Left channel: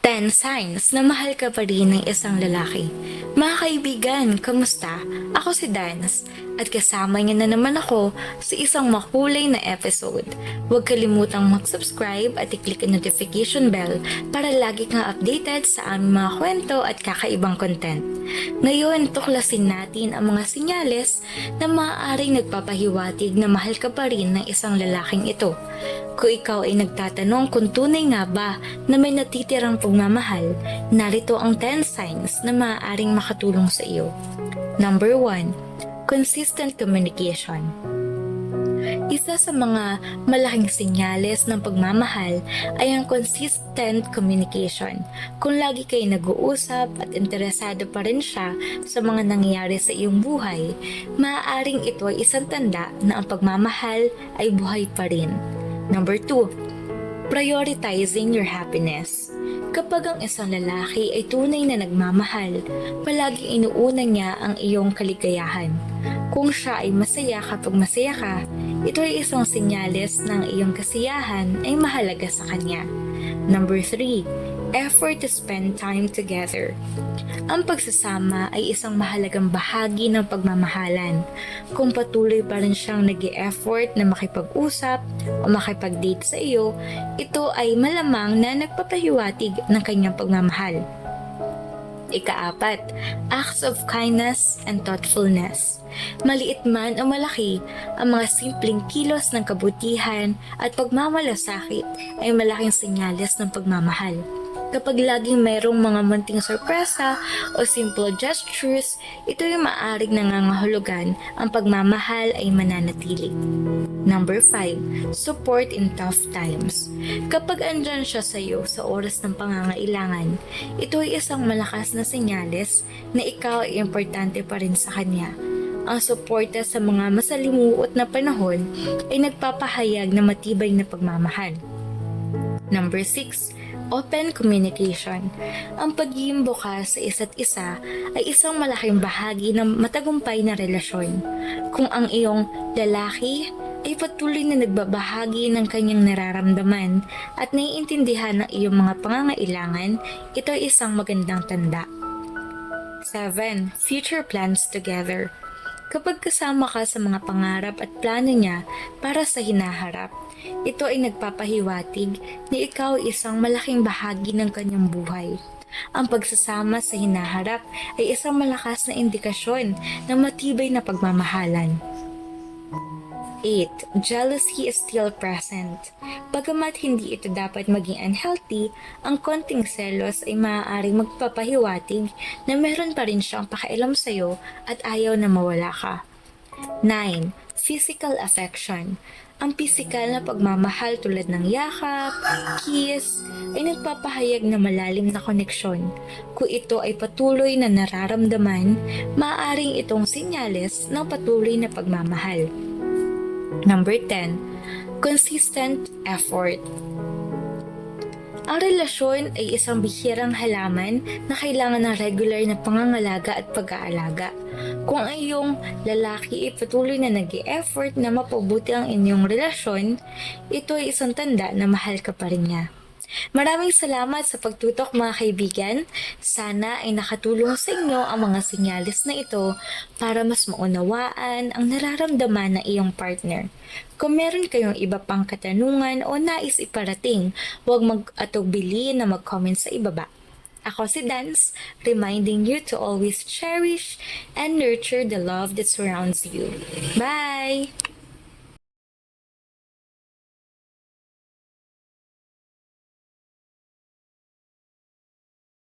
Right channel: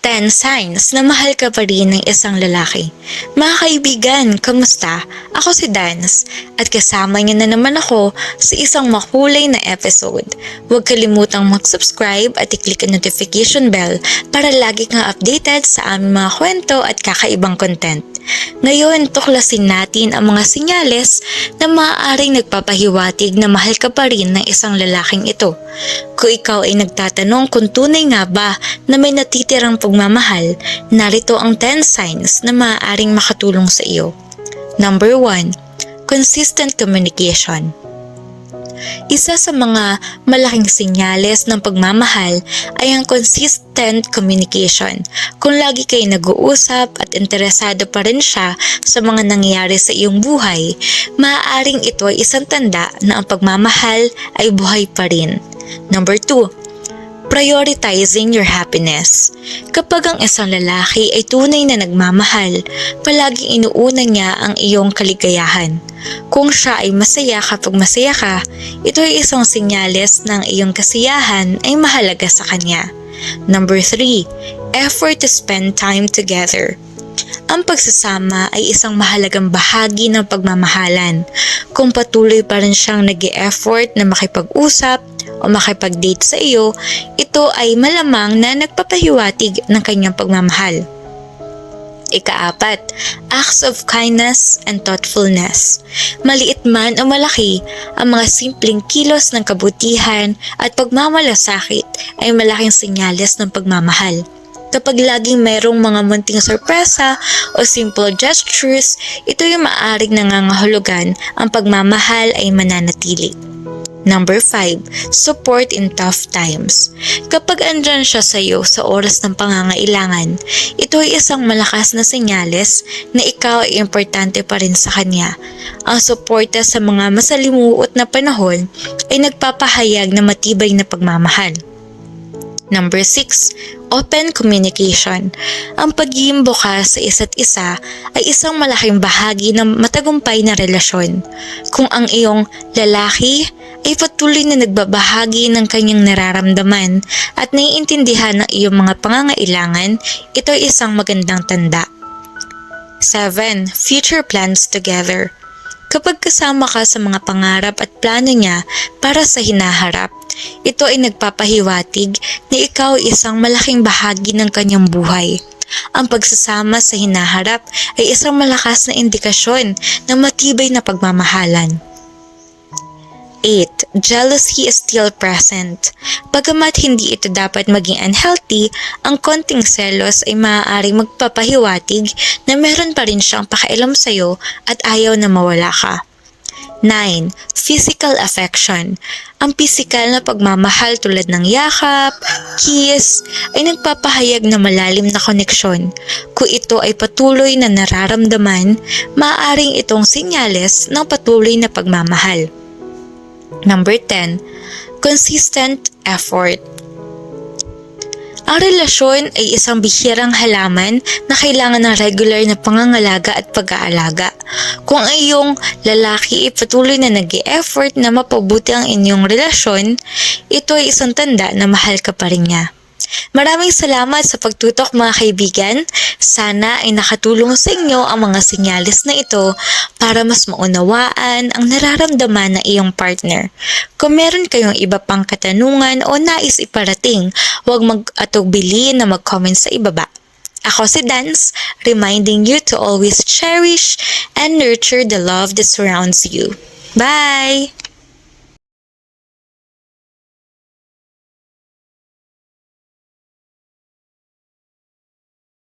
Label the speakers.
Speaker 1: 10 signs na mahal ka pa rin ng isang lalaki. Mga kaibigan, kamusta? Ako si Dance at kasama niyo na naman ako sa isang makulay na episode. Huwag kalimutang mag-subscribe at i-click ang notification bell para lagi kang updated sa aming mga kwento at kakaibang content. Ngayon, tuklasin natin ang mga sinyales na maaaring nagpapahiwatig na mahal ka pa rin ng isang lalaking ito. Kung ikaw ay nagtatanong kung tunay nga ba na may natitirang pagmamahal, narito ang 10 signs na maaaring makatulong sa iyo. Number 1. Consistent communication. Isa sa mga malaking senyales ng pagmamahal ay ang consistent communication. Kung lagi kayo nag-uusap at interesado pa rin siya sa mga nangyayari sa iyong buhay, maaaring ito ay isang tanda na ang pagmamahal ay buhay pa rin. Number 2 prioritizing your happiness. Kapag ang isang lalaki ay tunay na nagmamahal, palaging inuuna niya ang iyong kaligayahan. Kung siya ay masaya kapag masaya ka, ito ay isang senyales ng iyong kasiyahan ay mahalaga sa kanya. Number 3. Effort to spend time together. Ang pagsasama ay isang mahalagang bahagi ng pagmamahalan. Kung patuloy pa rin siyang nag effort na makipag-usap o makipag-date sa iyo, ito ay malamang na nagpapahiwatig ng kanyang pagmamahal. Ikaapat, acts of kindness and thoughtfulness. Maliit man o malaki, ang mga simpleng kilos ng kabutihan at pagmamalasakit ay malaking senyales ng pagmamahal. Kapag laging mayroong mga munting sorpresa o simple gestures, ito yung maaring nangangahulugan ang pagmamahal ay mananatili. Number 5. Support in tough times. Kapag andyan siya sa iyo sa oras ng pangangailangan, ito ay isang malakas na senyales na ikaw ay importante pa rin sa kanya. Ang suporta sa mga masalimuot na panahon ay nagpapahayag na matibay na pagmamahal. Number 6. Open communication. Ang pagiging bukas sa isa't isa ay isang malaking bahagi ng matagumpay na relasyon. Kung ang iyong lalaki ay patuloy na nagbabahagi ng kanyang nararamdaman at naiintindihan ng iyong mga pangangailangan, ito ay isang magandang tanda. 7. Future plans together. Kapag kasama ka sa mga pangarap at plano niya para sa hinaharap, ito ay nagpapahiwatig na ikaw ay isang malaking bahagi ng kanyang buhay. Ang pagsasama sa hinaharap ay isang malakas na indikasyon ng matibay na pagmamahalan. 8. Jealousy is still present. Bagamat hindi ito dapat maging unhealthy, ang konting selos ay maaaring magpapahiwatig na meron pa rin siyang pakialam sa'yo at ayaw na mawala ka. 9. Physical affection. Ang pisikal na pagmamahal tulad ng yakap, kiss, ay nagpapahayag na malalim na koneksyon. Kung ito ay patuloy na nararamdaman, maaaring itong sinyales ng patuloy na pagmamahal. Number 10. Consistent effort. Ang relasyon ay isang bihirang halaman na kailangan ng regular na pangangalaga at pag-aalaga. Kung ang iyong lalaki ay patuloy na nag effort na mapabuti ang inyong relasyon, ito ay isang tanda na mahal ka pa rin niya. Maraming salamat sa pagtutok mga kaibigan. Sana ay nakatulong sa inyo ang mga sinyalis na ito para mas maunawaan ang nararamdaman ng iyong partner. Kung meron kayong iba pang katanungan o nais iparating, huwag mag-atugbili na mag-comment sa ibaba. Ako si Dance, reminding you to always cherish and nurture the love that surrounds you. Bye!